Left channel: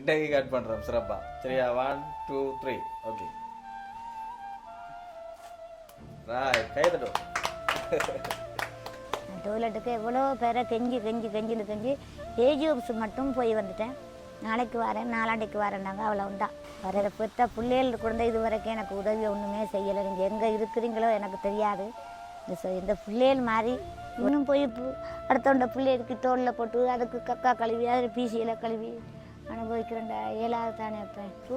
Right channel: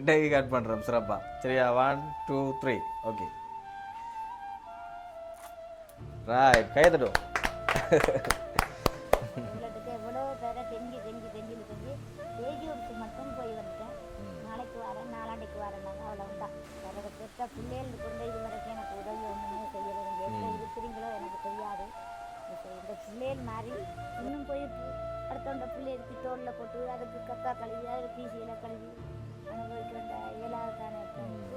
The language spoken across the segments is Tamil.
இன்றைக்கு கட் பண்ணுறோம் சிறப்பாக சரியா? One two three okay right கைதடும் டோய்லெட்டுக்கு எவ்வளோ பேரை கெஞ்சி கெஞ்சி கெஞ்சின்னு கெஞ்சி ஏஜி ஆஃபீஸ் மட்டும் போய் வந்துட்டேன். நாளைக்கு வரேன் நாளாண்டைக்கு வரேன்னாங்க அவ்வளவுதான். வர பெற்ற பிள்ளைகள் கூட இது வரைக்கும் எனக்கு உதவி ஒன்றுமே செய்யலை. நீங்கள் எங்கே இருக்கிறீங்களோ எனக்கு தெரியாது. இந்த இந்த பிள்ளைகள் மாதிரி இன்னும் போய் பு- அடுத்தவண்ட பிள்ளைகளுக்கு தோளில் போட்டு அதுக்கு கக்கா கழுவி அதில் பீசியில் கழுவி அனுபவிக்கிறேன் இயலாது தானே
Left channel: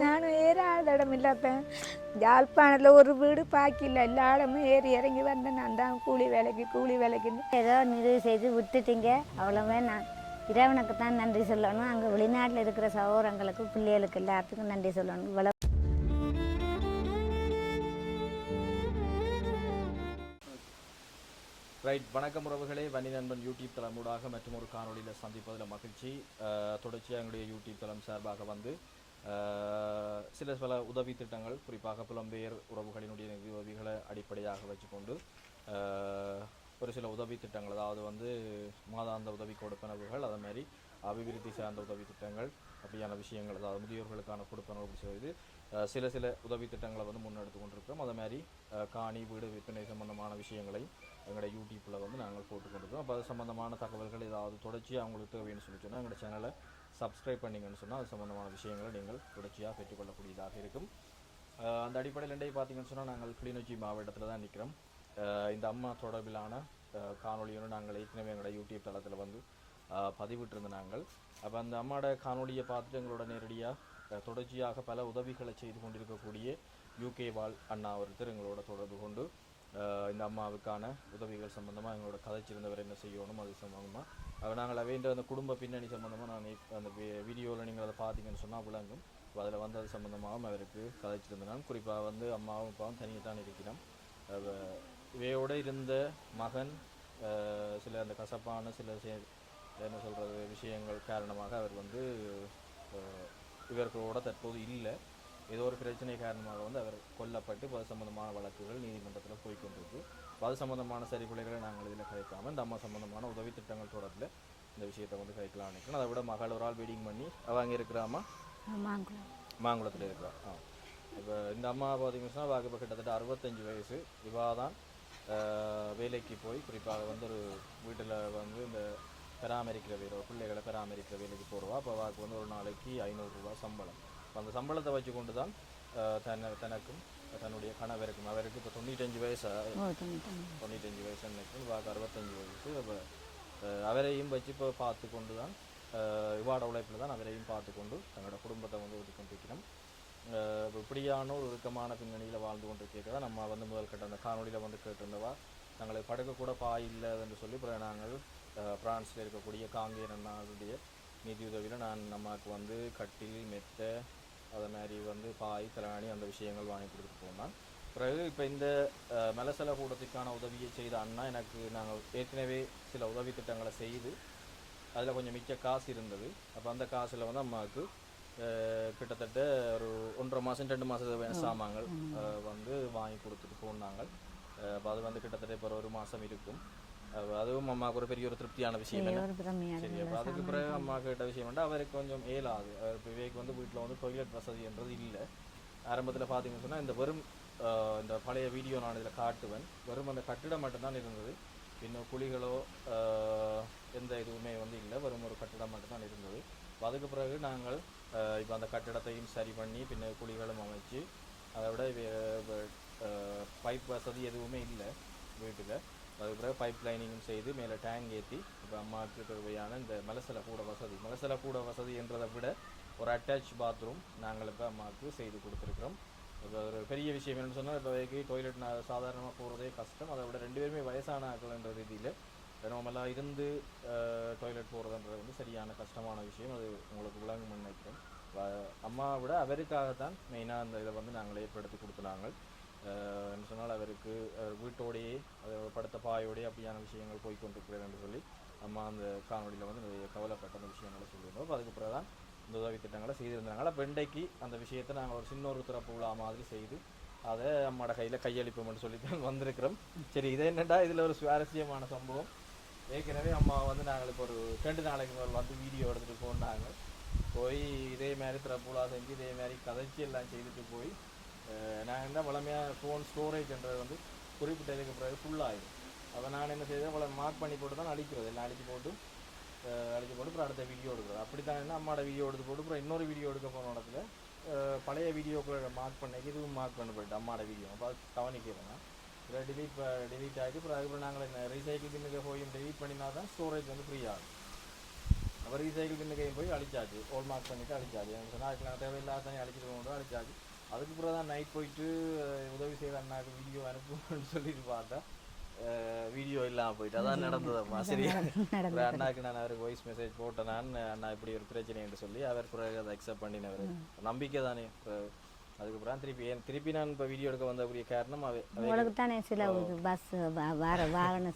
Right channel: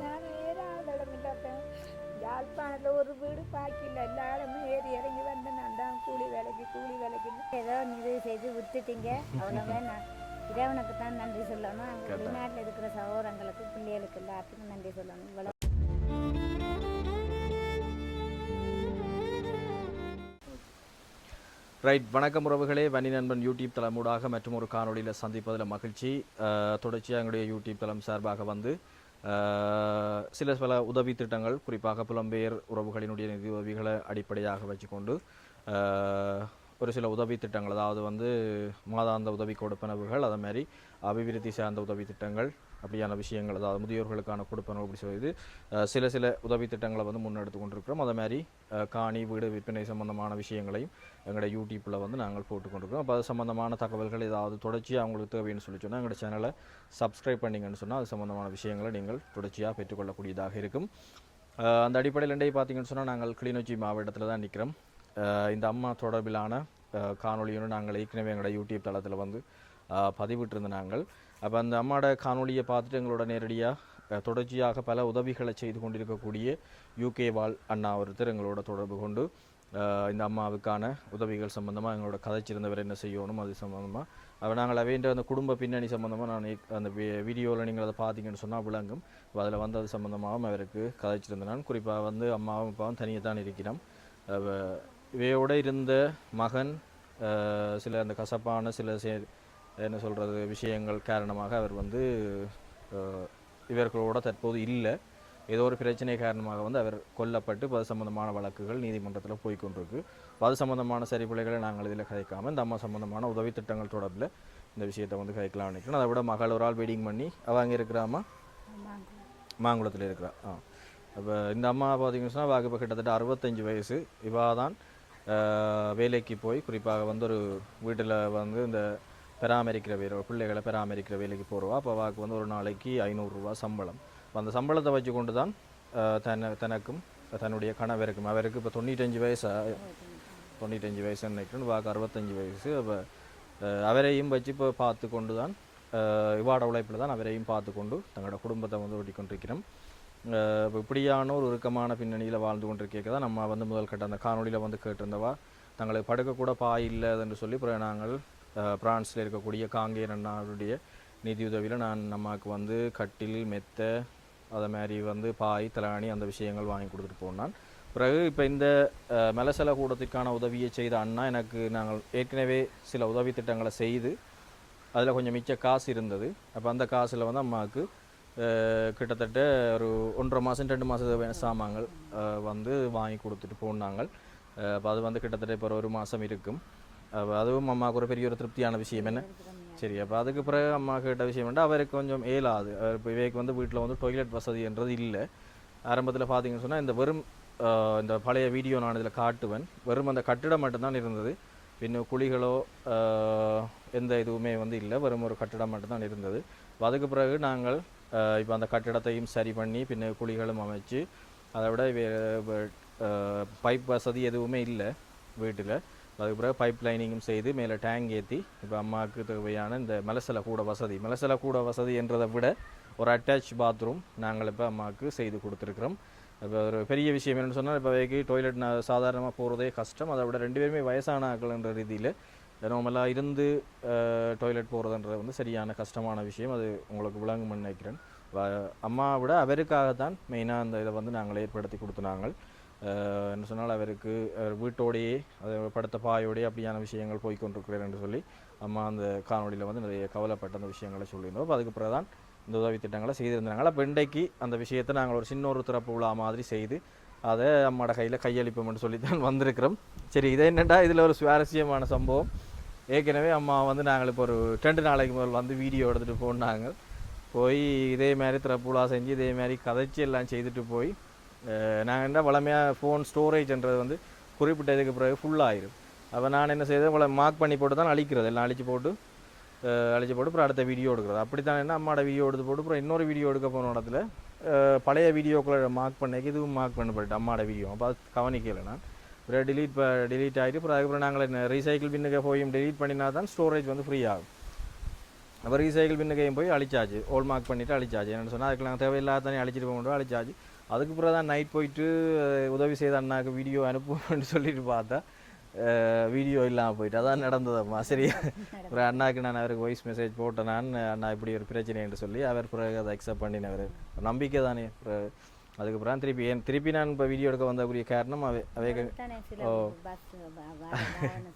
நானும் ஏறாத இடம் இல்லப்பேன் யாழ்ப்பாணத்தில் ஒரு வீடு பாக்கில்ல எல்லா இடமும் ஏறி இறங்கி வந்தேன் நான் தான் கூலி வேலைக்கு கூலி வேலைக்குன்னு. ஏதோ நிறைவு செய்து விட்டுட்டீங்க. அவ்வளவே நான் இறைவனுக்கு தான் நன்றி சொல்லணும். அங்கே வெளிநாட்டில் இருக்கிற சகோதரங்களுக்கு பிள்ளைகளுக்கு எல்லாத்துக்கும் நன்றி சொல்லணும். இவ்வளோ ரைட் வணக்கம் உறவுகளே. வன்னி நண்பன் யூடியூப் தளமூடாக மற்றும் ஒரு காணொலியில் சந்திப்பதில் மகிழ்ச்சி. தொடர்ச்சியாக எங்களுடைய யூடியூப் தளம் சார்பாக வந்து சில பல உதவி திட்டங்கள் குறிப்பாக புலம்பெயர் உறவுகளினுடைய நிதி உதவிகளை அடிப்படையாக வச்சுக்கொண்டு ஒரு சில உதவி திட்டங்கள் அதாவது வந்து மாதாந்த உதவி கொடுப்பனவுகள் அதே மாதிரி அபிவிருத்தி சார்ந்த உதவி திட்டங்கள் அப்படியான விஷயங்கள் அதாவது முதியோர்களுக்கான கொடுப்பனவு அப்படி சொல்லி சில சில உதவி திட்டங்களை வந்து முன்னெடுத்து கொண்டிருக்கிறோம். அதே மாதிரி காணி வீடு விற்பனை சம்பந்தமான விஷயங்களையும் எங்களோட யூடியூப்பில் வந்து நாங்கள் போட்டுக்கொண்டிருக்கோம் அப்போ அது சம்மந்தமான தகவல்கள் ஏதாவது தொடர்ச்சியாக அவங்களுக்கு தேவைன்னு சொல்லி சொன்னால் எங்களோட சேனலை சப்ஸ்கிரைப் பண்ணீங்கன்னு சொன்னால் அது சம்மந்தமான விஷயங்களை நீங்கள் தொடர்ச்சியாக பெற்றுக்கொள்ளக்கூடியதாக இருக்கும். அந்த அடிப்படையில் இன்றைய பார்த்தீங்கன்னு சொன்னால் நாங்கள் கிளிநொச்சி மாவட்டத்தில் தான் நிற்கிறோம் இந்த அம்மா தொடர்பிலான காணொலியும் நாங்கள் ஏற்கனவே எங்களோட யூடியூப் தளத்தில் வந்து பதிவிட்டிருந்த நாங்கள். அப்போ அந்த அம்மாவோட காணொளியை பார்த்துட்டு எங்களோட நேரடியாக தொடர்ச்சியாக பல உதவிகளை செய்து கொண்டிருக்கக்கூடிய யூகே வாழ் அண்ணா ஒருத்தர் எங்களோட தொடர்பு கொண்டு இந்த அம்மாவுக்கான உதவிகள் சம்மந்தமாக எங்களோட கதைச்சிருந்தவர் என்ன செய்யணும் அது சம்மந்தமாக அவ நாங்கள் அவைன்ற அந்த குடும்ப பின்னணி சம்மந்தமாக நான் அந்த வீடியோவில் நீங்கள் அதை பார்த்தீங்கன்னு சொன்னால் விளங்கும். அதில் வந்து அது சம்மந்தமாகவும் அவருக்கு கதைச்சிருந்தான் குறிப்பாக வந்து அம்மாவும் அப்பாவும் தனியாக தான் இருக்கிறோம் இவையோடு இருந்த மகன் சில அந்த கசப்பான சில சே என்ன சொல்கிறது விஷயங்கள் காரணமாக அவர் வந்து இவர்களோட தற்போது இல்லை. ஏதோ ஒரு பிரச்சனை காரணமாக வந்து அவர் கொல்லப்பட்டு இப்போ அது சம்பந்தமான வழக்குகள் நீதிமன்றத்தில் போய் கொண்டிருக்கு அப்ப அது சம்பந்தமான சரிபிழைகளை நாங்கள் இதில் கதைக்காமல் இந்த அம்மா சம்பந்தமான உதவி திட்டங்கள் தொடர்பில் இந்த விஷயத்தை வந்து கதைக்கலாம் நினைக்கிறேன். அதை விட மகள் ஒரு ஆள் வெயிட்டிங் பண்ணி அவ அங்கே இருக்கிறாமா மாங்குளத்தில் இருக்கிறா. ஆ. அப்போ இந்த அம்மா பார்த்தீங்கன்னு சொன்னால் வாக்கு இப்போ கிட்டத்தட்ட அறுபத்தஞ்சு வயசு. இவா தான் வேலைக்கு போய் குறிப்பாக வந்து ஒரு வீட்டில் வந்து இந்த பராமரிக்கிற வேலை பிள்ளைகளை பராமரிக்கிற வேலைக்கு போகிறவா அப்போ வாக்கு வந்து ஒரு நாளைக்கு ஐநூறுரூவா சம்பளம். அந்த சம்பளத்தை வச்சு கொண்டு தான் தன்னை தனக்கும் தன்னுடைய கணவருக்கும் அவருக்கு இப்போ தொண்ணூற்றஞ்சு வயசா தொண்ணூத்தஞ்சு. வயசு நினைக்கிறேன் வாக்கு அறுபத்தஞ்சு வயசு. அப்போ அவரையும் வச்சு இப்போ பார்த்து கொண்டு தான் இவாட உழைப்பில் தான் அவரையும் பார்த்து கொண்டு தங்களோட குடும்பத்தை வந்து ஓட்டி கொண்டிருக்கிறோம் அஹ், இப்ப இப்படியான ஒரு இறுக்கமான பின்னணியில் வாழ்ந்து கொண்டிருக்க தான் நம்ம வந்து முதல் கட்ட அந்த காணொளியில் வந்து கேட்டிருந்தவா தங்களுக்கு படுக்கக்கூட பாய் இல்லை என்று சொல்லி அப்புறம் நாங்கள் பிரான்ஸ்ல இருக்கக்கூடிய காங்கேயன் அண்ணாவுடைய நிதியுதவியில் நான் நமக்கு வந்து கட்டில் மெத்தை அதை மாதிரி வந்து பாய் தலாணி அந்த விஷயங்கள் வாங்கி கொடுத்துட்டு போனான். பிறகு இப்போ இந்த மெலசல கூடத்துக்கான உதவியை செய்த அண்ணா எனக்கு நாங்கள் ஏற்கனவே சில உதவி திட்டங்களை செய்து அதில் கொஞ்சம் மிச்ச காசு இருந்தது. அப்போ அந்த காசில் வந்து அம்மாவுக்கு கிட்டத்தட்ட ஒரு ஒன்றரை மாதம் ரெண்டு மாதம் சாமான்கள் வந்து வாங்கி கொடுத்துட்டு போனாங்க. அப்போ அது வந்து கிட்டத்தட்ட இப்போ ஒரு மாதம் இருக்கும். அப்ப அதுவும் அம்மாவுக்கு ஒரு பெரிய ஒரு திருப்தியான விஷயம் என்ன சரி அப்போ அதுக்கு பிறகு அம்மா கேட்ட விஷயம் வந்து அவருக்கு கொஞ்சம் ஏலாது இப்போ இவைக்கு வந்து வீட்டில் வந்து டொய்லெட் வசதின்றது இல்லை ஆரம்பத்தில் பார்த்தீங்கன்னு சொன்னால் இந்த வெறும் இந்த பழைய வீடியோ நான் இதில் காட்டுவேன் வெறும் அந்த கட்டிடம் மட்டும்தான் இருந்தது பின்ன குழிகளோ எந்த இதுவுமே வந்து இல்லை வெறும் ஒரு கட்டிடம் மட்டும்தான் இருந்தது அப்ப அதுக்கு பிறகு நாங்கள் இப்போ அந்த கட்டிடத்தையும் சரி பண்ணி பின்ன குழிகளும் அமைச்சு அதை விட பைப் வசதி எதுவுமே இல்லை வீட்டில் அதுக்கு பிறகு பைப் லைனிங்கும் செய்து மேலே டேங்க் ஏற்றி இப்போ அம்மாவுக்கு தேவையான இந்த மலசல கூட வசதி. மலசல கூட வசதி என்றதை விட ஒரு அட்டாச் பாத்ரூம் நாங்கள் இப்போ அம்மாவுக்கு செய்து கொடுத்துருக்குறோம். இப்போ ஒரு பெரிய விஷயம் என்னென்னு சொன்னால் இப்போ வைக்கி டாய்லெட் நான் சாதாரணமாக போகிறதே கஷ்டம். அதை விட ரெண்டு பேருமே வயசான ஆக்கள்ன்ற ரீதியில் நார்மலாக இருந்து டாய்லெட் போகிறதுன்றது வந்து சரியான கஷ்டமான விஷயம். அது உங்களுக்கு விளங்கும்னு நினைக்கிறேன். அம்மாவை விட அவருக்காகத்தான் மெயினாக அந்த இதை வந்து நாங்கள் ஏற்படுத்தி கொடுத்துனாங்க என்ன சொன்னால் அவருக்கு அவர் வீட்டோடையே அது படுத்த பாயோடையே அப்படியான விஷயங்கள் போய்கொண்டிருக்கிறேன் என்று சொல்லி அம்மா அந்த காணொலியில் வந்து நிறைய கவலைப்பட்ட அந்த விஷயங்களை சொல்லியிருந்தோம். அப்போ அதுக்கு பிறகு தான் இந்த உதவி திட்டங்களை செய்திருந்தாங்க. பெண்டைக்கு அந்த விஷயத்தை நாங்கள் ஒரு சின்ன ஒரு திறப்பு விழா மாதிரி செய்து அதை அம்மாட கையில் கையளிப்போம்னு சொல்லி தான் வந்திருக்கிறோம். சரி இதை என்னென்னா இதில் ஒரு சுவாரஸ்யமான சம்பவம். ஏற்கனவே அம்மா வந்து நாங்கள் இப்போ ஒரு ரெண்டு நாளைக்கு முதல் வந்து வீடியோ எடுத்துகிட்டு போனாங்க. போய் இதே மாதிரி திறப்புலா செஞ்சு இதே மாதிரி கதைச்சி எல்லாம் செய்துட்டு போய் நான் என்ன வளமையாக ஃபோன் ஸ்டோரேஜ்ன்றது வந்து குறிப்பிட்ட இதுக்கு பிறகு ஃபுல்லாகிடும் அப்போ நான் என்ன செய்தேன் இவ்வளோ மார்க் பண்ணி போட்டு தான் அழிக்கிறது. எல்லாம் அழிச்சு போட்டு அழிச்சு போட்டு அப்புறம் அடுத்த வீடியோ எடுக்கிறது. அப்படி தான் என்ன அம்மாவோட வீடியோ எடுத்து போட்டு அப்புறம் இன்னொரு வீடியோ எடுக்க போன இடத்துல பழைய வீடியோக்களை மார்க் பண்ணக்கு இதுவும் மார்க் பண்ணப்பட்டு அம்மாவோட வீடியோ அப்போ அது கவனிக்கலை அப்புறம் டிலீட் இப்போ ஆகிட்டு அப்புறம் அதுக்கப்புறம் நாங்கள் ரீசைக்கிள் பின்னுக்கு போய் டிலீட் பண்ணினா தான் ஸ்டோரேஜ் வந்து ஃப்ரீ ஆகும். அப்போ ரீசைக்கிள் பின்னுக்கையும் போய் அழிச்சாச்சு. ஓல் மார்க் பண்ணிவிட்டு அழிச்சாச்சு. என்னென்னு சொன்னால் அதுக்கு நாங்கள் தேவையில்லாத தண்ணி அழிச்சிட்டு போக முடியும் அழிச்சாச்சு. அதுக்கு பிறகு தான் நைட் போயிட்டு உதவி செய்த அண்ணாக்கு வீடியோ அனுப்புவேன்னு சொல்லிட்டு பார்த்தா வீடியோ இல்லாமல் போயிட்டு. அதான் நடந்ததம்மா சரியா அப்புறம் அண்ணாக்கு நான் அவருக்கு வாய்ஸ் மெசேஜ் போட்டேன் நான் அண்ணா இப்படி ஒரு பிரச்சனை என்று சொல்லி அவர் பிறகு அதை அக்செப்ட் பண்ணினவர். நம்பிக்கை தானே. அதுக்கப்புறம் திருப்பி ஏன் திருப்பி நான் இப்போ வீடியோ எடுக்க வந்தக்கூடிய காரணம் அவை செலவு பஸ் வார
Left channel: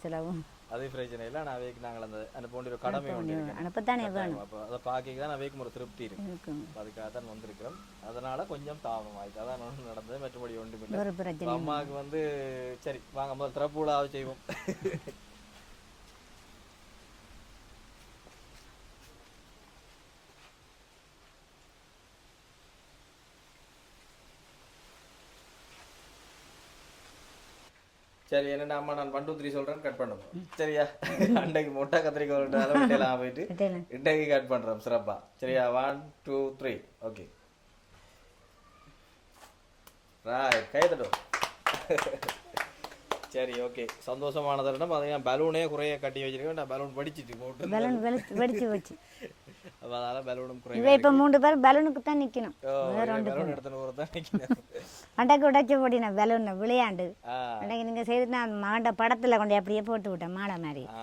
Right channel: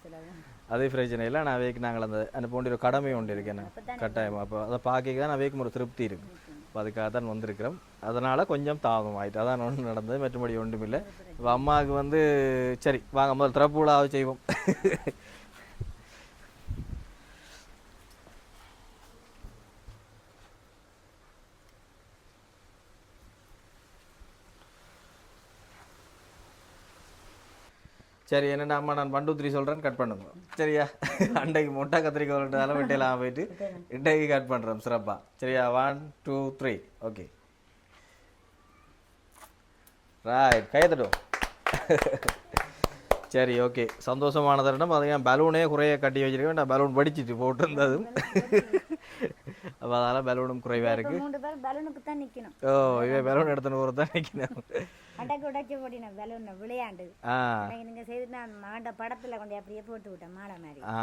செலவு. அதே பிரச்சனை இல்லை. நான் அவைக்கு நாங்கள் அந்த அந்த போன்ற ஒரு கடமை ஒன்று இருக்கேன் கட்டாயம். அப்போ அதை பார்க்க தான் அவைக்கும் ஒரு திருப்தி இருக்கு. அப்போ அதுக்காக தான் வந்திருக்கிறோம். அதனால கொஞ்சம் தாபம் ஆயிட்டு அதான் ஒன்று நடந்தது. மற்றபடி ஒன்றும் இல்லை அம்மாவுக்கு வந்து சரி வாங்க முதல் திறப்பு விழாவை செய்வோம். சரி என்னடா அம்மா நான் ஒன் டூ த்ரீ சொல்கிறேன் கட் பண்ணுங்க சரியா? அன்றைக்கு மொட்டை கத்திரிக்காய் ரெண்டு வெட்டையெல்லாம் போயிட்டு இன்றைக்கு கட் பண்ணுறோம் சிறப்பா. சரியா? One two three okay right கையத்தட்டும் சரி ஓகே சந்தோஷமான தருணம் அது ஏன் பலூனே குறைய கட்டி வச்சிருக்கேன். நான் பலூன் படிச்சிட்டு போட்டிருந்தது அப்போ அதனால பலூனும் குறைவா இப்ப மூன்று பேர் பலூனுக்கு தான் நிக்கணும். ஓ பலூன் எடுத்துன்னு ஒரு தான் நிற்கிறேன் அண்டைக்கு உடைச்சு போட்டின பலூன் விளையாண்டு. ஆ. அன்னைக்கு நீங்க செய்து நான் மகண்ட படத்துல கொண்டு அப்படியே போட்டு விட்டேன் மாலை மாதிரி. ஆ.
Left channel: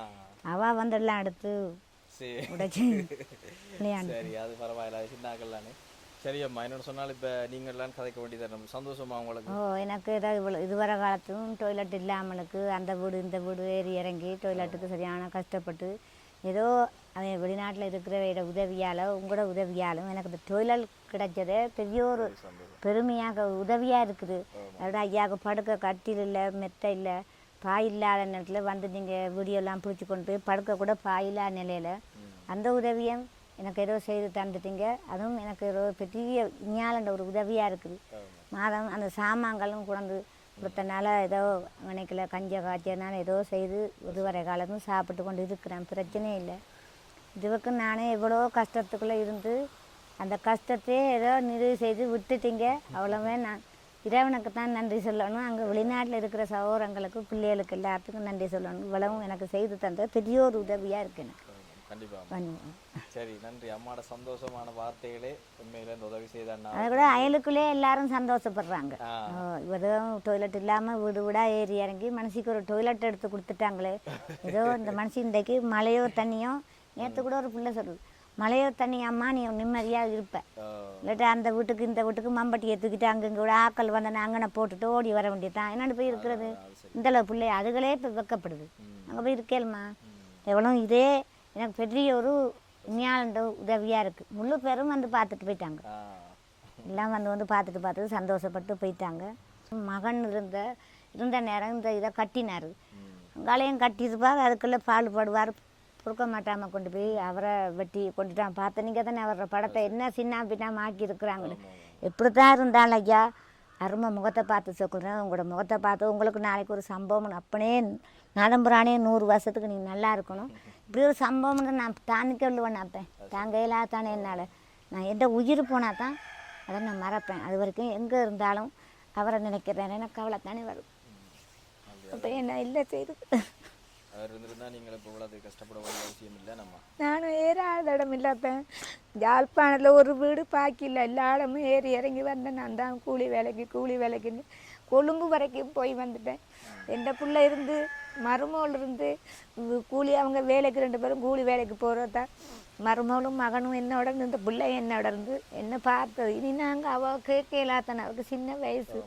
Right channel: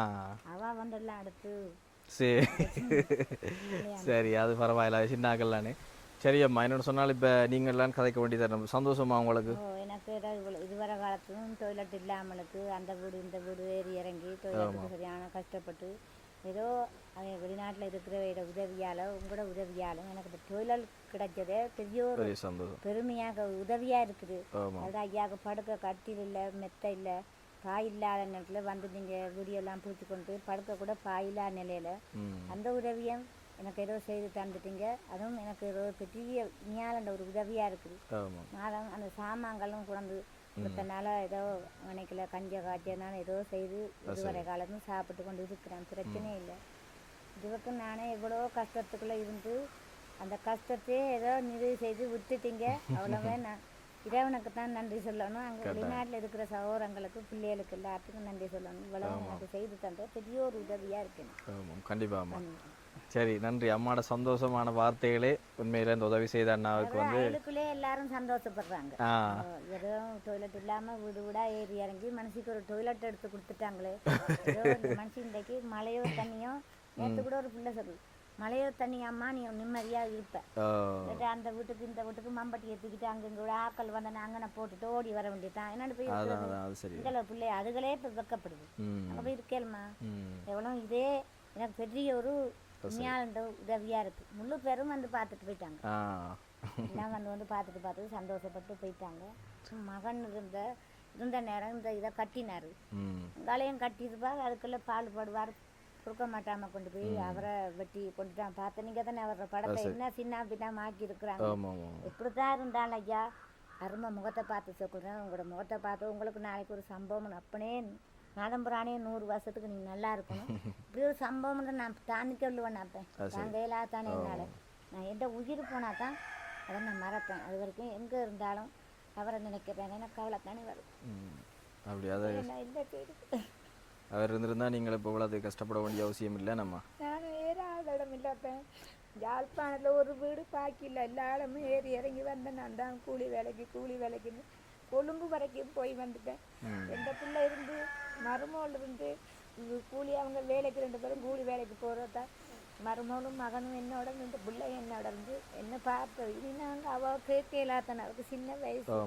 அவ வந்து எல்லாம் எடுத்து சரி சரி அது பரவாயில்ல சின்னாக்கல்லானே சரி அம்மா என்னோட சொன்னால் இப்போ நீங்கள் எல்லாம் கதைக்க வேண்டியது நம்ம சந்தோஷமா உங்களுக்கு? ஓ எனக்கு ஏதாவது இவ்வளோ இதுவரை காலத்தும் டொய்லெட் இல்லாமலுக்கு அந்த வீடு இந்த வீடு ஏறி இறங்கி டொய்லெட்டுக்கு சரியான கஷ்டப்பட்டு ஏதோ அவன் வெளிநாட்டில் இருக்கிற உதவியால் உங்களோட உதவியாலும் எனக்கு இந்த டொய்லெட் கிடைச்சதே பெரிய ஒரு பெருமையாக உதவியாக இருக்குது. அதோட ஐயாவுக்கு படுக்க கட்டில் இல்லை மெத்தை இல்லை பாய் இல்லாத நேரத்தில் வந்து நீங்கள் வீடியோலாம் பிடிச்சி கொண்டு போய் படுக்க கூட பாய் இல்லாத நிலையில் அந்த உதவியும் எனக்கு ஏதோ செய்து தந்துட்டீங்க. அதுவும் எனக்கு ஏதோ பெரிய ஞாலண்ட ஒரு உதவியாக இருக்குது. மாதம் அந்த சாமான்களும் கொண்டு கொடுத்தனால ஏதோ நினைக்கல கஞ்ச காய்ச்சனால ஏதோ செய்து இதுவரை காலமும் சாப்பிட்டு கொண்டு இருக்கிறேன். பிரச்சனை இல்லை. இதுவரைக்கு நானே எவ்வளோ கஷ்டத்துக்குள்ளே இருந்து அந்த கஷ்டத்தையே ஏதோ நிறைவு செய்து விட்டுட்டீங்க. அவ்வளோவே நான் இறைவனுக்கு தான் நன்றி சொல்லணும். அங்கே வெளிநாட்டில் இருக்கிற சகோதரங்களுக்கு பிள்ளைகளுக்கு எல்லாத்துக்கும் நன்றி சொல்லணும். இவ்வளவும் எனக்கு செய்து தந்தது பெரிய ஒரு உதவியாக இருக்கு எனக்கு. கண்டிப்பாக சரி நன்றி. அம்மாவோட சந்தோஷமான வார்த்தைகளே உண்மையில இந்த உதவி செய்த அண்ணா விட அயலுக்குள்ளே எல்லாரும் சந்தோஷப்படுறாங்க. வெறும் டொய்லெட் இல்லாமல் வீடு வீடாக ஏறி இறங்கி மனசுக்கு ஒரு டொய்லெட் எடுத்து கொடுத்துட்டாங்களே. ஏதோ இந்த மனுஷன் இன்றைக்கு மழையோ தண்ணியோ நேற்று கூட ஒரு பிள்ளை சொல்லுது மழையோ தண்ணி அம்மா நீ நிம்மதியாக இருப்ப. இல்லாட்டி அந்த வீட்டுக்கு இந்த வீட்டுக்கு மம்பட்டி ஏற்றுக்கிட்டு அங்கங்க கூட ஆக்கள் வந்தன அங்கன போட்டுட்டு ஓடி வர வேண்டியதுதான். என்னென்னு போய் இருக்கிறது? இந்த பிள்ளை அதுகளே இப்போ வெக்கப்படுது. அங்கே போய் இருக்கேல்மா எவ்வளோ இதே எனக்கு பெரிய ஒரு உண்மையாளண்ட உதவியாக இருக்குது முழு பேரும் வந்து பார்த்துட்டு போயிட்டாங்க. எல்லாம் வந்து வந்து பார்த்துட்டு பார்த்துட்டு சந்தோஷப்பட்டு போயிட்டாங்க. மகன் இருந்த இருந்த நேரம் இந்த இதை கட்டினார். ம். காலையும் கட்டியிருப்பார் அதுக்குள்ளே பால் படுவார். பொறுக்க மாட்டாமல் கொண்டு போய் அவரை வெட்டி கொண்டுட்டான் பார்த்த நீங்கள் தானே அவரோட படத்தை என்ன சின்ன பின்னாம ஆக்கி இருக்கிறாங்க எப்படி தான் இருந்தாலும் ஐயா அருமை முகத்தை பார்த்து சொல்கிறேன் உங்களோட முகத்தை பார்த்து உங்களுக்கு நாளைக்கு ஒரு சம்பவம் அப்பனே நலம்புறானே நூறு வருஷத்துக்கு நீ நல்லா இருக்கணும். இப்படி ஒரு சம்பவம்னு நான் தானிக்க விழுவேன் அப்பேன் தாங்க இல்லாதானே என்னால். நான் எந்த உயிர் போனால் தான் அதை நான் மறப்பேன். அது வரைக்கும் எங்கே இருந்தாலும் அவரை நினைக்கிறேன். எனக்கு கவலை தானே வரும் என்ன இல்லை செய்து. அவர் இருந்திருந்தா நீங்கள் இப்போ இவ்வளவு கஷ்டப்பட வேண்டிய அவசியம் இல்லை நம்ம? நானும் ஏறாத இடம் இல்லாப்பேன் யாழ்ப்பாணத்தில் ஒரு வீடு பாக்கில்ல எல்லா இடமும் ஏறி இறங்கி வந்தேன். நான் தான் கூலி வேலைக்கு கூலி வேலைக்குன்னு கொழும்பு வரைக்கும் போய் வந்துட்டேன். எந்த புள்ள இருந்து மருமகள் இருந்து கூலி அவங்க வேலைக்கு ரெண்டு பேரும் கூலி வேலைக்கு போகிறதா மருமகளும் மகனும் என்னோட இருந்து இந்த பிள்ளை என்னோட இருந்து என்ன பார்த்தது? இனி நாங்கள் அவள் கேட்கலாத்தானே அவளுக்கு சின்ன வயசு.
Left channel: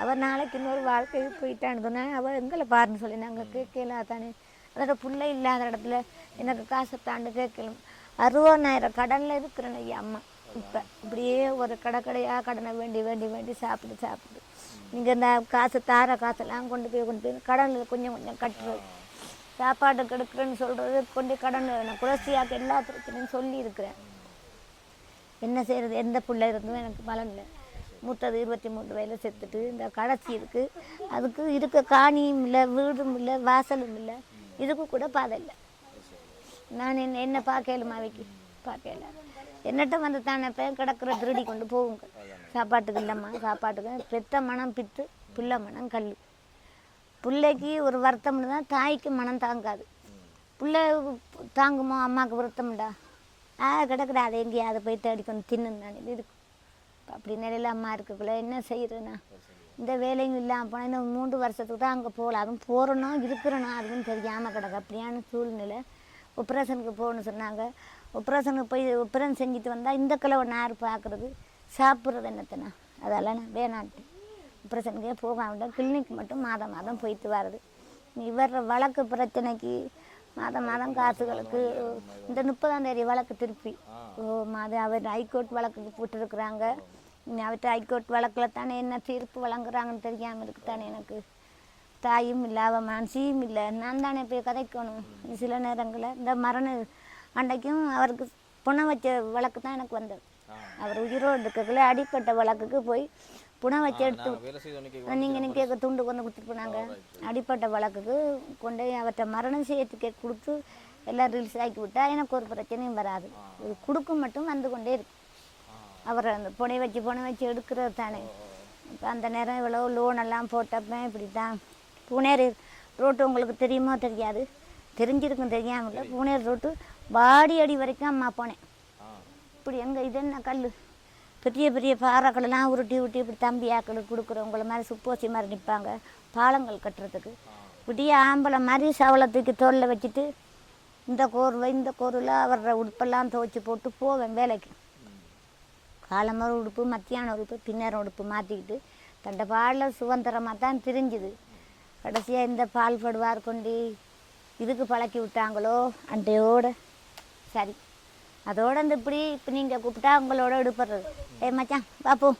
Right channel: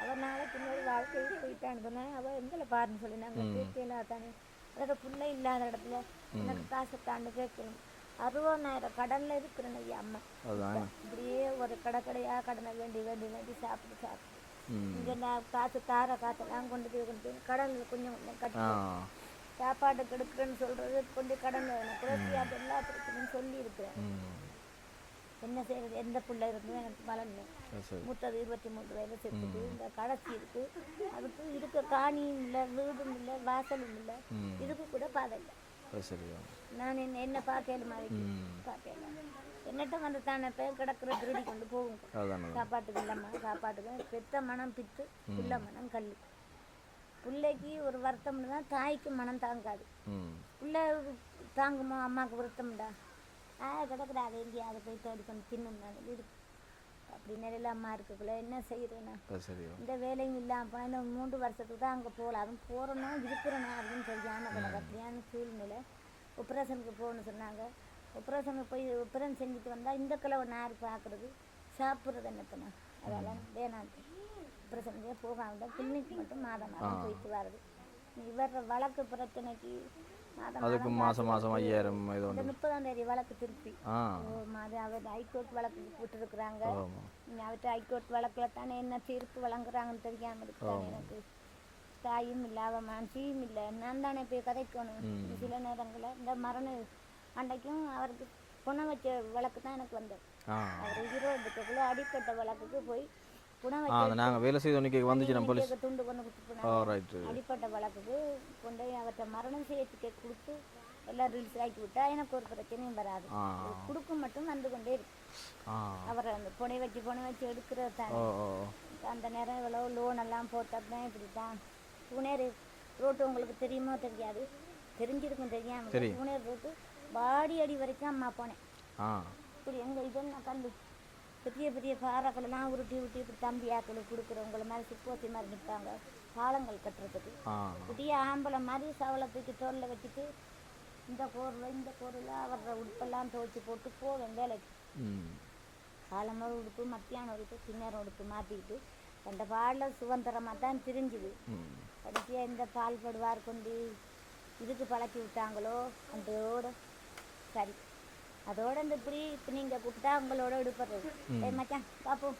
அவள் நாளைக்கு இன்னொரு வாழ்க்கைக்கு போயிட்டான்னு அவள் எங்களை பாருன்னு சொல்லி நாங்கள் கேட்கலாத்தானே அதோட பிள்ளை இல்லாத இடத்துல எனக்கு காசை தாண்டு கேட்கலாம் அறுபதாயிரம் கடனில் இருக்கிறேன் ஐயா அம்மா. இப்போ இப்படியே ஒரு கடை கடையாக கடனை வேண்டி வேண்டி வேண்டி சாப்பிட்டு சாப்பிட்டு இங்கே இந்த காசு தார காசெல்லாம் கொண்டு போய் கொண்டு போய் கடனில் கொஞ்சம் கொஞ்சம் கட்டுறோம் சாப்பாடு கெடுக்கிறேன்னு சொல்கிறது கொண்டு கடன் நான் குலசியாக்கு எல்லா பிரச்சனையும் சொல்லி இருக்கிறேன் என்ன செய்யறது எந்த பிள்ளை இருந்தும் எனக்கு பலன் இல்லை. மூத்தது இருபத்தி மூணு வயதில் செத்துட்டு இந்த கடைசி இருக்கு. அதுக்கு இருக்க காணியும் இல்லை வீடும் இல்லை வாசலும் இல்லை. இதுக்கு கூட பாதை இல்லை. நான் என்ன என்ன பார்க்கலுமா வைக்க பார்க்கல. என்னட்ட வந்து தானே இப்போ கிடக்கிற திருடி கொண்டு போகுங்க. சாப்பாட்டுக்கு இல்லைம்மா சாப்பாட்டுக்கு பெத்த மனம் பித்து பிள்ளை மனம் கல். பிள்ளைக்கு ஒரு வருத்தம்னு தான் தாய்க்கு மனம் தாங்காது. பிள்ளை தாங்குமோ அம்மாவுக்கு வருத்தம்டா ஆ கிடக்குடா அதை எங்கேயாவது போய் தேடி கொண்டு தின்னு நான் இருக்கு அப்படி நிலையில அம்மா இருக்கக்குள்ள என்ன செய்யறேன்னா இந்த வேலையும் இல்லாமல் போனால் இன்னும் மூன்று வருஷத்துக்கு தான் அங்கே போகலாம். அதுவும் போகிறனோ இருக்கிறனோ அதுவும் தெரியாமல் கிடக்கு. அப்படியான சூழ்நிலை. ஆப்ரேஷனுக்கு போகணும்னு சொன்னாங்க. ஆப்ரேஷனுக்கு போய் ஆப்ரேஷன் செஞ்சுட்டு வந்தால் இந்த கிழவை நார் பார்க்குறது சாப்பிட்றது என்னத்தனா அதெல்லாம் நான் வேணான்ட்டு ஆப்ரேஷனுக்கே போகாம கிளினிக் மட்டும் மாதம் மாதம் போயிட்டு வர்றது. இவர் வழக்கு பிரச்சனைக்கு மாதம் மாதம் காசு வழக்கு இந்த முப்பதாம் தேதி வழக்கு திருப்பி. ஓ மாது அவர் ஹைகோர்ட் வழக்கு போட்டுருக்குறாங்க. அவர்கிட்ட ஹைகோர்ட் வழக்கில் தானே என்ன தீர்ப்பு வழங்குறாங்கன்னு தெரியாமல் இருக்கு தானே எனக்கு? தாயும் இல்லை அவன் மனசியும் இல்லை. நான் தானே போய் கதைக்கணும். சில நேரங்களில் இந்த மரண அன்னைக்கும் அவருக்கு புண வச்ச வழக்கு தான் எனக்கு வந்தது. அவர் உயிரோடு இருக்கக்குள்ள அடிப்பட்ட வழக்குக்கு போய் புண வச்ச துண்டு கொண்டு கொடுத்துட்டு போனாங்க. அடிப்பட்ட வழக்குக்கு கொண்டு அவர்கிட்ட மரணம் செய்யறதுக்கே கொடுத்து எல்லாம் ரிலீஸ் ஆக்கி விட்டா எனக்கு ஒரு பிரச்சனையும் வராது. ஒரு குடுக்கம் மட்டும் வந்து கொண்டே இருக்கு அவரை அந்த புனை வச்சு புனை வச்சு எடுக்கிறது தானே. அந்த நேரம் இவ்வளோ லோன் எல்லாம் போட்டப்ப இப்படி தான் பூனேரி ரோட்டு உங்களுக்கு தெரியுமோ தெரியாது? தெரிஞ்சிருக்கும் தெரியாம இருக்கும். பூனேரி ரோட்டு வாடி அடி வரைக்கும் அம்மா போனேன். இப்படி எங்க இது என்ன கல் பெரிய பெரிய பாறைகளெல்லாம் உருட்டி உருட்டி இப்படி தம்பி ஆக்களுக்கு கொடுக்குறவங்கள மாதிரி சுப்போசி மாதிரி நிற்பாங்க பாலங்கள் கட்டுறதுக்கு. விடிய ஆம்பளை மாதிரி சவலை தூக்கி தோளில் வச்சுட்டு இந்த கோர்வை இந்த கோரில் அவர உடுப்பெல்லாம் துவைச்சி போட்டு போவேன் வேலைக்கு. ம். காலமர உடுப்பு மத்தியான உடுப்பு பின்னர உடுப்பு மாற்றிக்கிட்டு தண்டை பாலில் சுதந்திரமாக தான் தெரிஞ்சுது. கடைசியாக இந்த பால் படுவார் கொண்டு. இதுக்கு பழக்கி விட்டாங்களோ? அண்டையோட சரி. அதோட இந்த இப்படி இப்போ நீங்கள் கூப்பிட்டா உங்களோட எடுப்படுறது ஏ மச்சான் பார்ப்போம்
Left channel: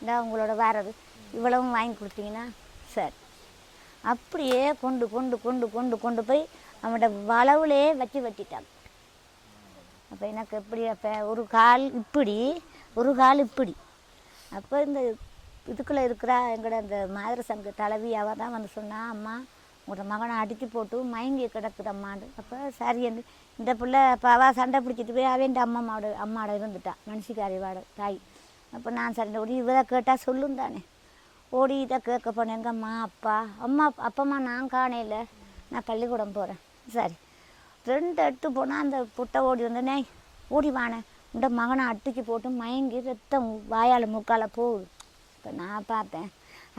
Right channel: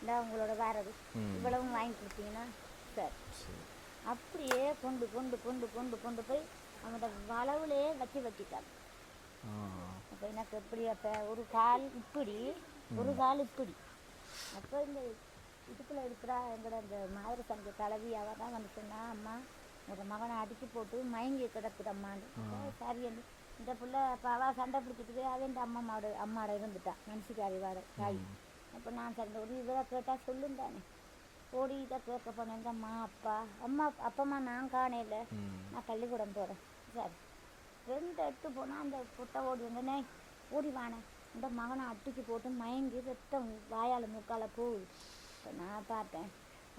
இந்த உங்களோட வேறது இவ்வளவும் வாங்கி கொடுத்தீங்கன்னா சரி. அப்படியே கொண்டு கொண்டு கொண்டு கொண்டு கொண்டு போய் அவனோட வளவுலே வச்சு வெட்டிட்டாங்க. அப்போ எனக்கு எப்படி அப்போ ஒரு கால் இப்படி ஒரு கால் இப்படி. அப்போ இந்த இதுக்குள்ளே இருக்கிறா எங்களோட அந்த மாதிரி சங்க தலைவி அவள் தான் வந்து சொன்னா அம்மா உங்களோட மகனை அடித்து போட்டு மயங்கி கிடக்குதம்மான்னு. அப்போ சரி என்று இந்த பிள்ளை அப்போ அவள் சண்டை பிடிச்சிட்டு போய் அவன் அம்மாவோட அம்மாவோட இருந்துட்டான் மனுஷிக்காரிவாட தாய். அப்போ நான் சண்டை ஓடி இவரை கேட்டால் சொல்லும் தானே. ஓடி இதை கேட்க போனேன். எங்கள் அம்மா அப்பா? அம்மா அப்பம்மா நான் காணையில் நான் பள்ளிக்கூடம் போகிறேன் சரி. ரெண்டு எடுத்து போனால் அந்த புட்டை ஓடி வந்தனே ஓடி வானேன் இந்த மகனை அட்டிச்சு போட்டு மயங்கி ரத்தம் வாயால் மூக்கால போகுது. இப்போ நான் பார்த்தேன்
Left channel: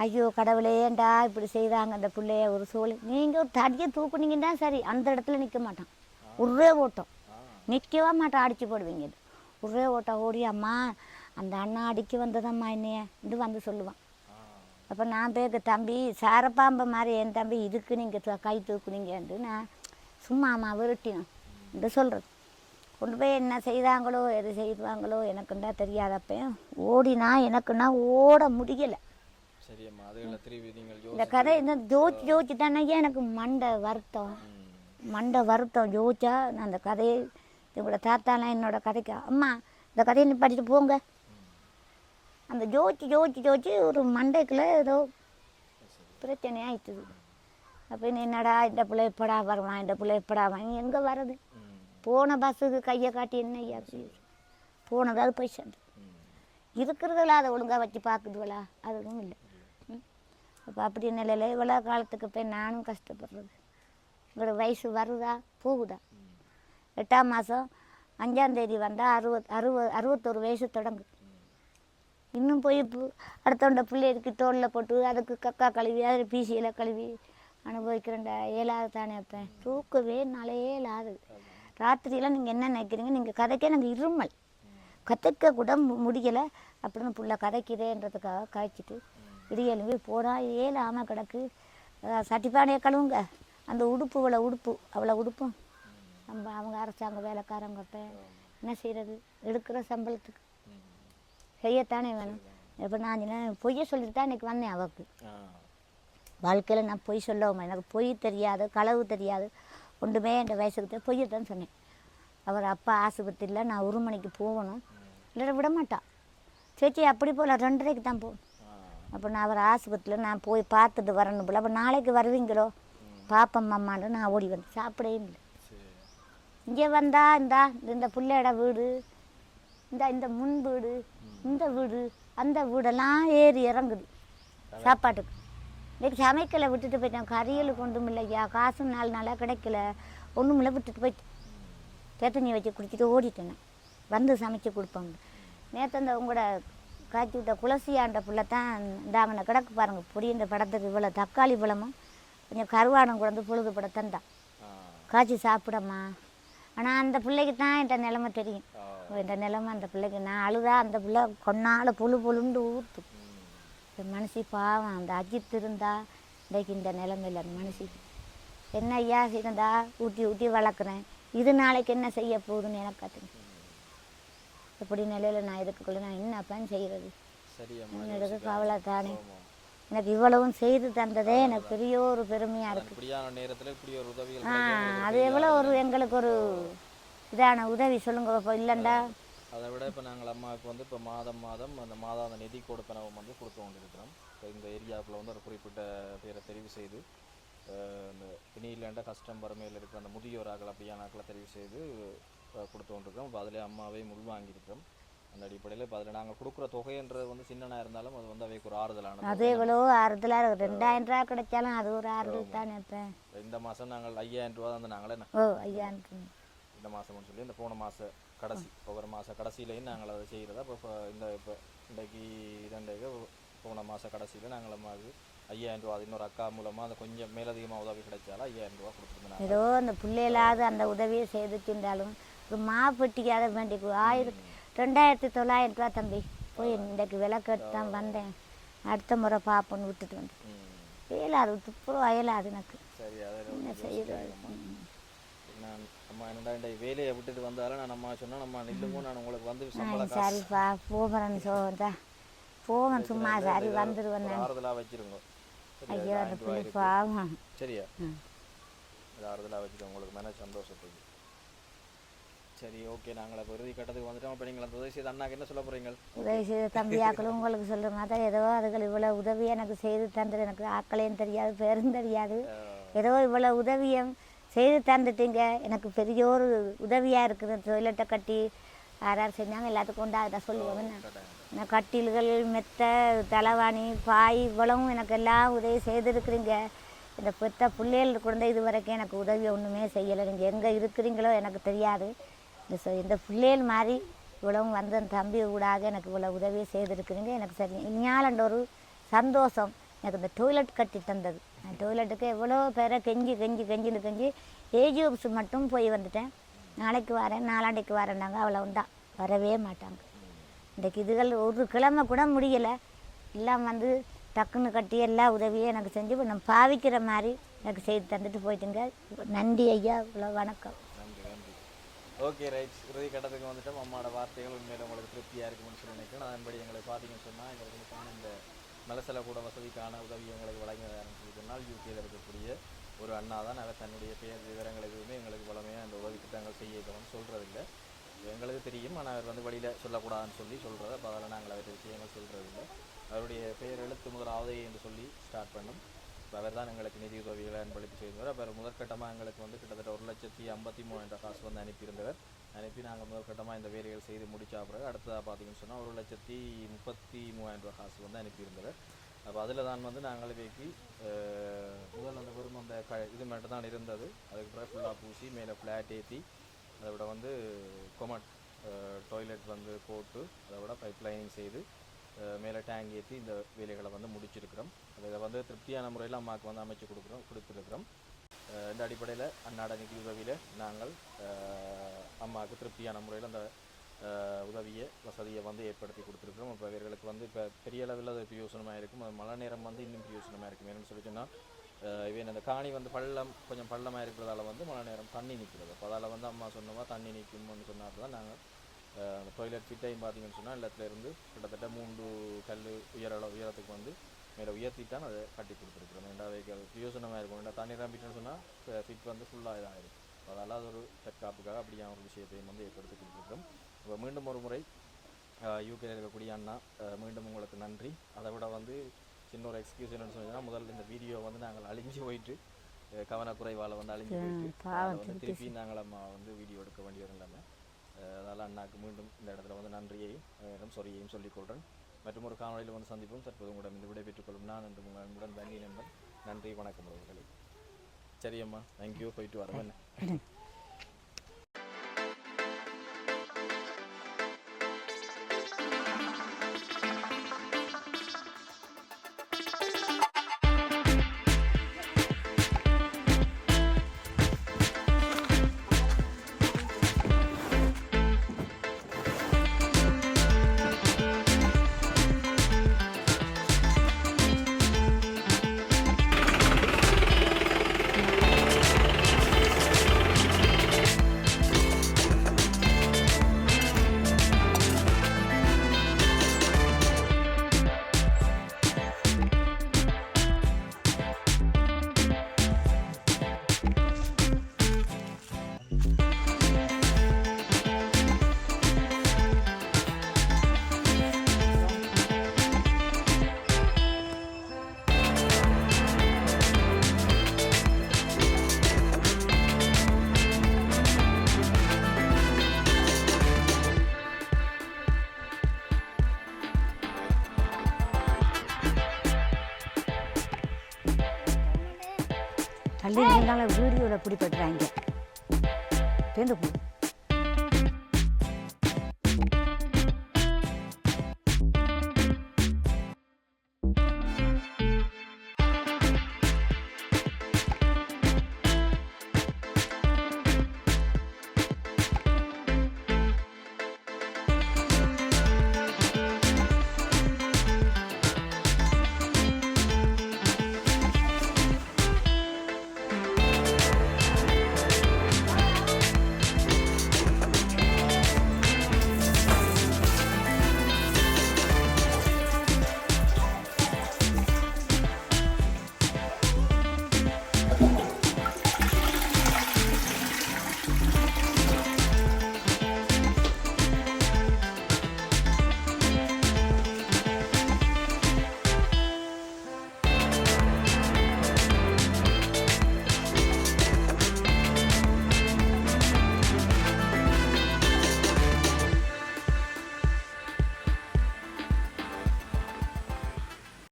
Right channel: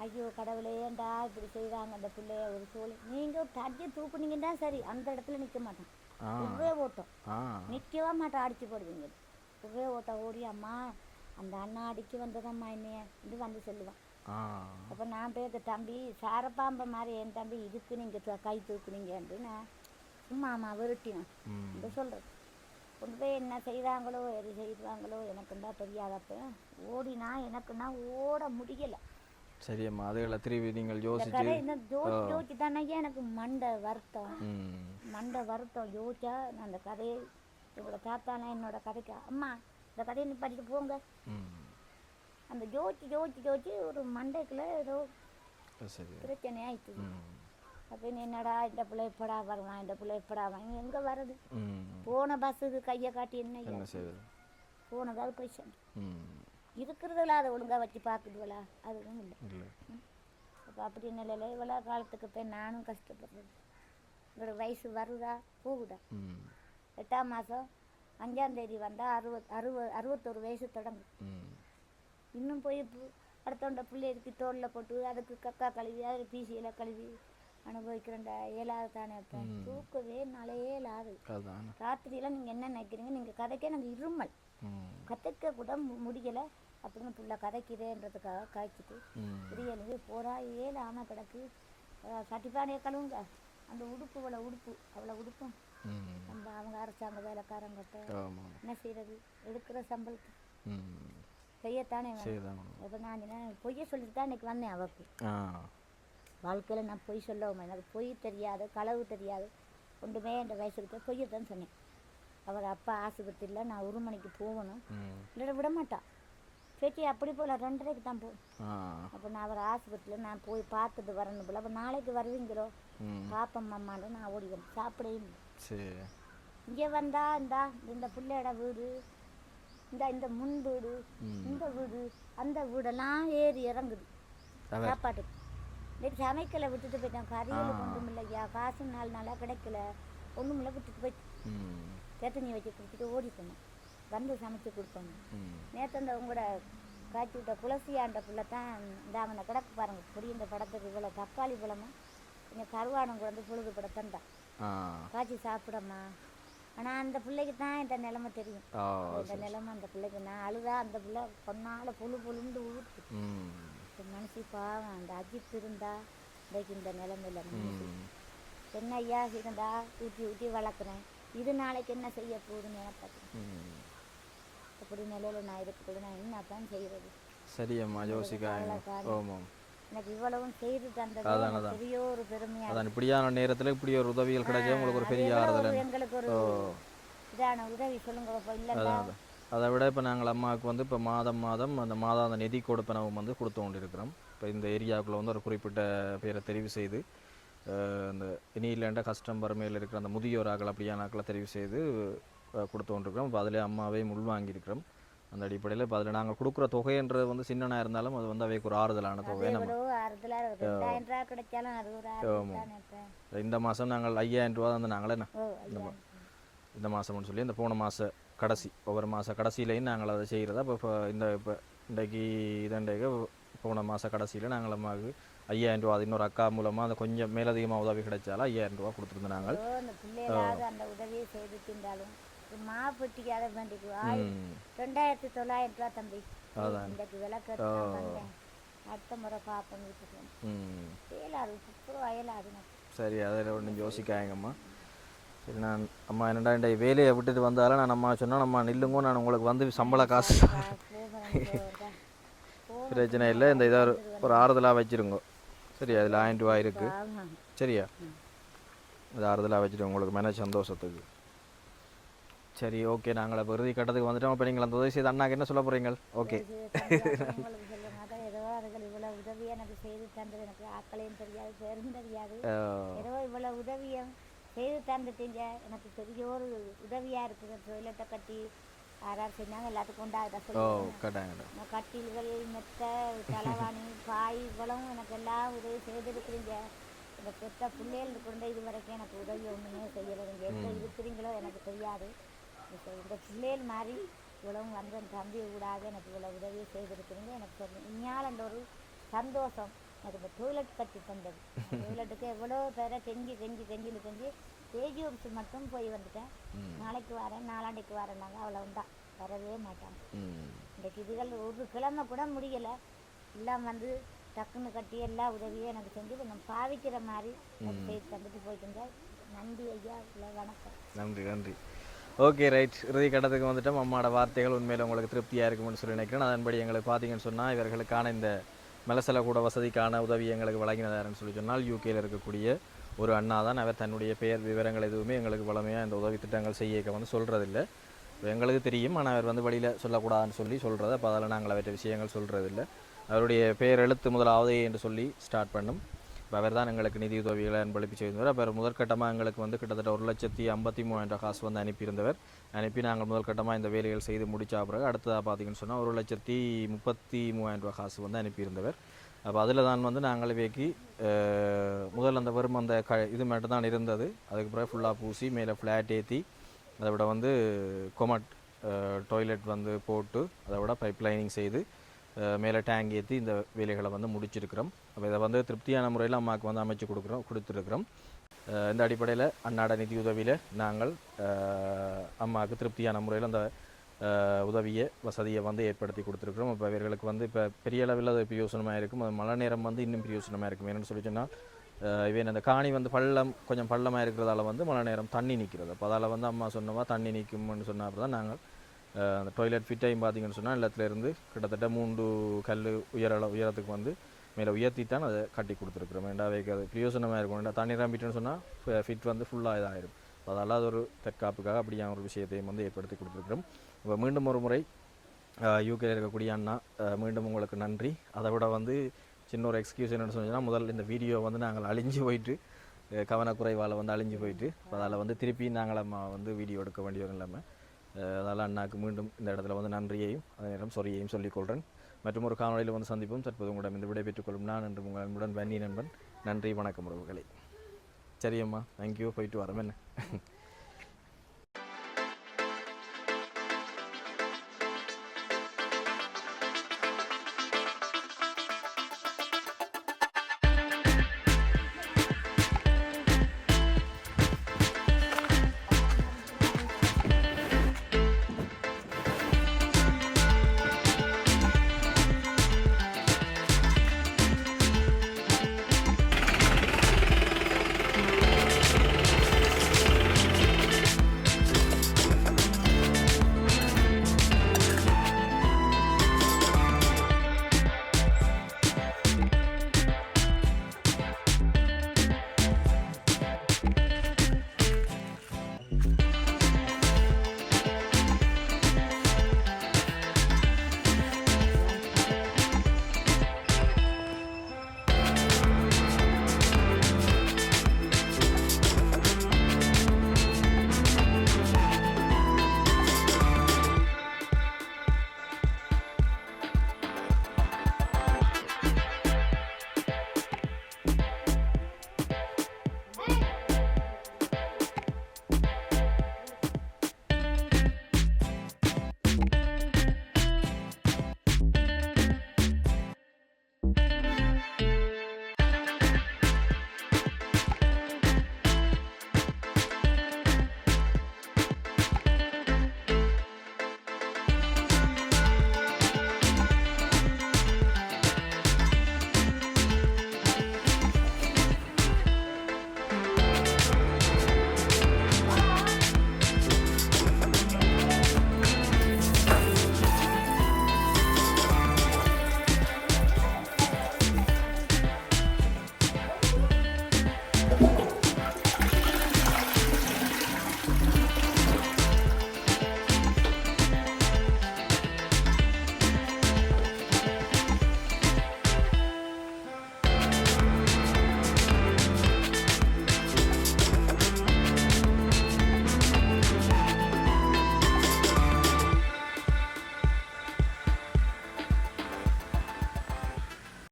ஐயோ கடவுளே ஏன்டா இப்படி செய்தாங்க அந்த பிள்ளைய ஒரு சோழி. நீங்கள் ஒரு தடியை தூக்குனீங்கன்னா சரி அந்த இடத்துல நிற்க மாட்டான். ஒரே ஓட்டம். நிற்கவே மாட்டான் அடிச்சு போடுவீங்க. ஒரே ஓட்டம். ஓடி அம்மா அந்த அண்ணா அடிக்க வந்ததம்மா என்னைய இது வந்து சொல்லுவான். அப்போ நான் பேக்க தம்பி சாரப்பாம்பை மாதிரி என் தம்பி இதுக்கு நீங்கள் கை தூக்குனீங்கன்ட்டு நான் சும்மா அம்மா விரட்டினோம் என்று சொல்கிறது கொண்டு போய் என்ன செய்தாங்களோ எது செய்வாங்களோ எனக்குண்டா தெரியாதப்ப ஓடினா எனக்குன்னா ஓட முடியலை. சரி அம்மா அதுகளை திரும்பி நீங்கள் இந்த கதை இந்த ஜோதிச்சு ஜோதிச்சு தானே எனக்கு மண்டை வருத்தம். மண்டை வருத்தம் யோசிச்சா நான் அந்த கதையை இவங்களோட தாத்தாலாம் என்னோட கதைக்கு அம்மா இந்த கதையை நீ படிச்சுட்டு போங்க. அந்த ஜோதிச்சு ஜோதிச்சு ஜோதிச்சு ஒரு மண்டைக்குள்ள ஏதோ அது சரி பிரச்சனை ஆயிட்டுது அப்போ என்னடா இந்த பிள்ளை எப்படா வருவான் இந்த பிள்ளை எப்படா வாங்கி எங்கே வர்றது? போன பஸ்ஸுக்கு கையை காட்டி என்ன ஐயா? போனதாவது போய் சேர்ந்து. இருக்கிறதுல அதை ஒழுங்கா வச்சு பார்க்குதுவளா அதுவும் இல்லை. அப்போ அப்படி நிலையில் இவ்வளோ காலத்துக்கு போய் நானும் கஷ்டப்படுறது. உங்களுக்கு வயசு வருதா? போகுதா? எட்டாம் மாதம் அஞ்சாம் தேதி வந்தால் அறுபத் அறுபது அறுபத்தொரு வயசு தொடங்கும். இன்னும் போய் அடுத்தவண்ட பிள்ளைக்கு தோளில் போட்டு அதுக்கு கக்கா கழுவி அதில் பீசியில் கழுவி அனுபவிக்கிறேன்டா. ஏழாவது தானே அப்போ. தூக்கவே நாளையே அதான். ராத்திரியெல்லாம் நீங்கள் என்ன நினைக்கிறீங்க? நீங்கள் கதைக்க எனக்கு இருமல். கதைக்க கூட முடியலை. அப்படின்னு புள்ள கதைக்கிறேன்றதுக்காக காய்ச்சிட்டு ம். இடியலும்பி போடா ஏழாம கிடக்கு. அஹ் சட்டிப்பானையை கழுவுங்க. அந்த உடுப்பு இவ்வளோ உடுப்பு. அவ்வளோ உடுப்பும். நம்ம அவங்க அரசாங்க வேலைக்காரங்கிட்ட என்ன செய்யறது எடுக்கிற சம்பளத்துக்கு. செய்யத்தானே வேணும். இப்போ நான் பொய்யை சொல்லிட்டு தான் இன்னைக்கு வந்தேன் அவக்கு. ஆ. வாழ்க்கையில் நான் பொய் சொல்லவும்? எனக்கு பொய் தெரியாது களவு தெரியாது. ஒன்றுமே என் வயசுக்கு பொய்யை தான் சொன்னேன். அவர் அப்பா ஆஸ்பத்திரியில் நான் ஒரு மணிக்கு போகணும். இல்லை விட மாட்டான் சேச்சி அப்படி போகல ரெண்டரைக்கு தான் போகணும் அப்போ நான் அவர் ஆஸ்பத்திரியில் நான் போய் பார்த்துட்டு வரணும் போல. அப்போ நாளைக்கு வருவீங்களோ? பாப்பம் அம்மான்னு நான் ஓடி வந்து சாப்பிடவே இல்லை. இங்கே வந்தா இந்தா இந்த பிள்ளையோட வீடு இந்த இந்த முன் வீடு இந்த வீடு அந்த வீடெல்லாம் ஏறி இறங்குது. சாப்பாட்டுக்கு. இன்னைக்கு சமைக்கல விட்டுட்டு போயிட்டேன். கறியல் கொண்டும் இல்லையா? காசும் நாலு நாளாக கிடைக்கல. ஒன்றும் இல்லை விட்டுட்டு போயிட்டு. ம். தேத்தண்ணி வச்சு குடிச்சிட்டு ஓடிட்டேன். வந்து சமைச்சு கொடுப்பாங்க நேற்று இந்த உங்களோட காய்ச்சி விட்ட குலசியாண்ட புள்ள தான் இந்தாமனை கிடக்கு பாருங்க. பொடி இந்த படத்துக்கு இவ்வளோ தக்காளி பழமும் கொஞ்சம் கருவாடம் கொண்டு பொழுது பட தந்தான் காய்ச்சி சாப்பிடம்மா. ஆனால் அந்த பிள்ளைக்கு தான் என் நிலைமை தெரியும். இந்த நிலைமை அந்த பிள்ளைக்கு நான் அழுதா அந்த பிள்ளை கொன்னால புழு புழுண்டு ம். இந்த மனுஷி பாவம் அந்த அஜித் இருந்தா இன்றைக்கு இந்த நிலைமையில் அந்த மனுஷி. என்ன ஐயா இருந்தா ஊட்டி ஊட்டி வளர்க்குறேன். இது நாளைக்கு என்ன செய்ய போகுதுன்னு எனக்கு கற்றுங்க இப்படி நிலையில நான் இருக்கக்குள்ள நான் என்ன அப்பன்னு செய்கிறது தானே. எனக்கு இவ்வளவும் செய்து தந்ததே எனக்கு பெரிய ஒரு பெருமையா இப்படியான நேரத்துல இப்படி ஒரு உதவிகள் அது எவ்வளோ ஒரு. எங்களுக்கு ஒரு இதான உதவி சொல்லுங்க இல்லைண்டா அதை விட இப்போ நாங்கள் அம்மாவுக்கு வந்து இப்போ மாதம் மாதம் அந்த மாதாந்த நிதி கொடுப்பனவும் வந்து கொடுத்து கொண்டிருக்கிறோம். இப்போ இந்த ஏரியாவுக்குள்ள வந்து ஒரு குறிப்பிட்ட பேரை தெரிவு செய்து இந்த இனி இல்லைண்ட கஷ்டம் வறுமையில் இருக்கிற அந்த முதியோர் ஆக்கள் அப்படியான ஆக்களை தெரிவு செய்து கொடுத்து கொண்டிருக்கிறோம். இப்போ அதிலே அம்மாவையும் உள்வாங்கியிருக்கிறோம் அந்த அடிப்படையில் இப்போ அதில் நாங்கள் கொடுக்குற தொகைன்றது வந்து சின்னனா இருந்தாலும் அது வந்து அவைக்கு ஒரு ஆறுதலான அது எவ்வளோ ஆறுதலா இருக்கு. ரெண்டாயிரம் ரூபா கிடைச்சாலும் அது ஒரு ஆறுதல் தானே. இந்த மாதம் நாங்கள் ஐயாயிரம் ரூபா வந்து நாங்களே இந்த மாதம்னு சொல்லி இந்த போன மாத கடைசி ஒவ்வொரு மாத கடைசியிலையும் நாங்கள் அதை செய்கிறதா இப்போ இந்த இப்போ இன்றைக்கு இதண்டைக்கு போன மாத கடைசியில் நாங்கள் அம்மாவுக்கு ஐயாயிரம் ரூபா அது இன்னொரு அக்கா மூலமாக அந்த கொஞ்சம் மேலதிகமாக உதவி கிடைச்சாலும் ஐயாயிரம் ரூபா கொடுத்துருந்தாங்க. ஏதோ அந்த பிள்ளைகளாவது அந்த உதவியை செய்து தின்றாலும் ஒரு மாப்பட்டிக்காத வேண்டிக்கு ஆயிரம் ரெண்டாயிரத்தி தொள்ளாயிரம் ரூபா தம்பி இன்றைக்கு விலை கேட்டு தான் வந்தேன். அடுத்த முறை பார்ப்போன்னு விட்டுட்டு வந்தேன். இயலாது துப்புரவு அயலாது எனக்கு. சரி ஒன்றும் யோசிக்காங்கம்மா சரி நான் அம்மா என்னடா இந்த வேலையை விட்டுட்டு வந்தாலும் நான் அம்மா சொன்னா நம்ம நில்லுங்க நான் உங்களுக்கு வந்து சம்பள காசு. பிரச்சனை இல்லை இந்த இதை ஒரு ஆறுதலாக வச்சிருங்க. சரி அதில் ஆயிரம் ரூபா இருக்கு. சரியா? இது ஆறுதலாக வச்சுட்டு உங்களுக்கு மன சந்தோஷத்துக்கு. சரி ஓகே நாங்கள் இப்போ இறுதி கட்டத்துக்கு வந்துட்டோம். இப்போ நீங்கள் அந்த உதவி செய்து அண்ணாக்கு என்ன சொல்ல போகிறீங்க ஓகே. தம்பியாக்கள் உங்களுக்கு சொல்லுங்க அதான் ஏதோ அதுகள் இவ்வளவு உதவி எனக்கு செய்து தந்தது. எனக்கு ஆக்களையும் தெரியாது பேரும் தெரியாது. ஏதோ இவ்வளவு உதவியும் செய்து தந்துட்டீங்க. எனக்கு பெரிய ஒரு உதவியா இருக்குது. டொய்லெட்டை கட்டி யார் யார் செஞ்சாங்க எல்லாத்துக்கும் உண்டா அதை நான் கட்டில்கள் மெத்த தலைவாணி பாய் இவ்வளவும் எனக்கு எல்லாம் உதவி செய்திருக்கிறீங்க. இந்த பெத்த பிள்ளைகள் குழந்தை இது வரைக்கும் எனக்கு உதவி ஒன்றுமே செய்யலை. நீங்கள் எங்கே இருக்கிறீங்களோ எனக்கு தெரியாது. இந்த இந்த பிள்ளைகள் மாதிரி இவ்வளவும் வந்து தம்பி ஊடாக எனக்கு இவ்வளோ உதவியை செய்திருக்கிறீங்க. எனக்கு சரி இனியாலண்ட ஒரு சந்தோஷம். எனக்கு இந்த டொய்லெட் கட்டி தந்தது. டொய்லெட்டுக்கு எவ்வளோ பேரை கெஞ்சி கெஞ்சி கெஞ்சின்னு கெஞ்சி ஏஜி ஆஃபீஸ் மட்டும் போய் வந்துட்டேன். நாளைக்கு வரேன் நாளாண்டைக்கு வரேன்னாங்க. அவ்வளவு தான் வரவே மாட்டாங்க. இன்றைக்கு இதுகள் ஒரு கிழமை கூட முடியலை. எல்லாம் வந்து டக்குன்னு கட்டி எல்லா உதவியும் எனக்கு செஞ்சு நான் பாவிக்கிற மாதிரி எனக்கு செய்து தந்துட்டு போயிட்டுங்க. நன்றி ஐயா இவ்வளோ வணக்கம். நன்றி நன்றி. Okay right. இறுதி கட்டத்துக்கு வந்துட்டோம். அம்மாவோட வார்த்தைகள் உண்மையில் உங்களுக்கு திருப்தியாக இருக்கும்னு சொல்லி நினைக்கிறேன். அதன்படி எங்களுக்கு பார்த்தீங்கன்னு சொன்னால் இவர்களுக்கான இந்த மலசல கூட வசதிக்கான உதவி எங்களுக்கு வழங்கினதாருன்னு சொல்லி சொன்னால் யூகேயில் இருக்கக்கூடிய ஒரு அண்ணா தான் அவர் தன்னுடைய பெயர் விவரங்கள் எதுவுமே எங்களுக்கு வளமையாக இந்த உதவி திட்டங்கள் செய்ய வந்து சொல்கிறதில்ல எங்களுக்கு தெரியும். ஆனால் அவர் வந்து வழியில் சொல்லக்கூடாதுன்னு சொல்லி சொல்கிறது அப்போ அதில் நாங்கள் அவற்றை விஷயங்கள் சொல்கிறதில்ல அவருடைய பெயர் எழுத்து முதலாவது என்று சொல்லி ஸ்டார்ட் பண்ணும். இப்போ அவர் தான் எங்களுக்கு நிதி உதவிகளை அன்பளிப்பு செய்திருந்தவர். அப்போ முதற்கட்டமாக எங்களுக்கு வந்து கிட்டத்தட்ட ஒரு லட்சத்தி ஐம்பத்தி மூவாயிரம் காசு வந்து அனுப்பியிருந்தவர். அனுப்பி நாங்கள் முதல் கட்டமாக இந்த வேலைகள் செய்து முடித்த பிறகு அடுத்ததாக பார்த்தீங்கன்னு சொன்னால் ஒரு லட்சத்தி முப்பத்தி மூவாயிரம் ரூபாய் காசு வந்து அனுப்பியிருந்தவர். அப்போ அதில் தான் வந்து நாங்கள் வேக்கி முதல் முதல்ல அந்த வெறும் அந்த க இது மட்டும் தான் இருந்தது. அதுக்கு பிறகு ஃபுல்லாக பூசி மேலே ஃப்ளாட் ஏற்றி அதை விட வந்து கொமட் டாய்லெட் வந்து போட்டு அதை விட பைப் லைனிங் செய்து மேலே டேங்க் ஏற்றி இந்த வேலைகளை வந்து முடிச்சிருக்கிறோம். அப்போ இதை வந்து திருப்தியான முறையில் அம்மாவுக்கு வந்து அமைச்சு கொடுக்குறோம் கொடுத்துருக்குறோம். இந்த அடிப்படையில் அன்னாட நிதி உதவியில் நாங்கள் அம்மாவுக்கு திருப்தியான முறையில் அந்த உதவியை வசதியை வந்து ஏற்படுத்தி கொடுத்துருக்குறோம். இப்போ இவர்களுக்கு வந்து இப்போ பெரிய அளவில் அது பிரயோசனமாக இருக்கும். அது மழை நேரம் வந்து இன்னும் பிரயோசனமாக இருக்கும். என்னென்னு சொல்லி சொன்னால் இவன் அந்த காணி வந்து பள்ளம் கொஞ்சம் பள்ளமாக இருக்கிறதால வந்து மழை நேரம் தண்ணி நிற்கிறது. அப்போ அதால் வந்து அம்மா சொன்னவா தண்ணி நிற்கும்னு சொன்ன தான் நாங்கள் அந்த டாய்லெட் ஃபிட்டையும் பார்த்தீங்கன்னு சொன்னால் எல்லாத்துலேருந்து கிட்டத்தட்ட மூன்று கல் உயர உயரத்துக்கு வந்து மேலே உயர்த்தித்தான் அதை கட்டி கொடுத்துருக்குறோம். ரெண்டாவது அது பிரயோசனமாக இருக்கும் ரெண்டா தண்ணி நம்பிட்டோன்னு சொன்னால் ஃபிட் வந்து ஃபுல்லாக இதாகிடும் அதனால் அது ஒரு தற்காப்புக்காக அப்படியான ஒரு விஷயத்தையும் வந்து ஏற்படுத்தி கொடுத்துருக்குறோம். இப்போ மீண்டும் ஒரு முறை யூகேல இருக்கக்கூடிய அண்ணா மீண்டும் உங்களுக்கு நன்றி. அதை விட வந்து சின்ன ஒரு எக்ஸ்கியூஸ் என்னன்னு சொன்னீங்கன்னா முதல்ல இந்த வீடியோ வந்து நாங்கள் அழிஞ்சு போயிட்டு கவனக்குறைவால் வந்து அழிஞ்சு போயிட்டு அதில் வந்து திருப்பி நாங்கள் அம்மா வந்து வீடியோ எடுக்க வேண்டிய ஒரு நிலைமை. அதனால் அண்ணாக்கு மீண்டும் இந்த இடத்துல வந்து நன்றியையும் அதே நேரம் சொரியையும் சொல்லிக்கொள்கிறேன் மற்றும் ஒரு காணொலியில் வந்து சந்திப்போம். தற்போது உங்களிடம் இந்த விடைபெற்றுக் கொள்ளும் நான் என்று உங்கள் அன்புடன் வன்னி நண்பன். நன்றி வணக்கம் உறவுகளை. சரியம்மா தேங்க்யூ போயிட்டு வரேன். என்ன?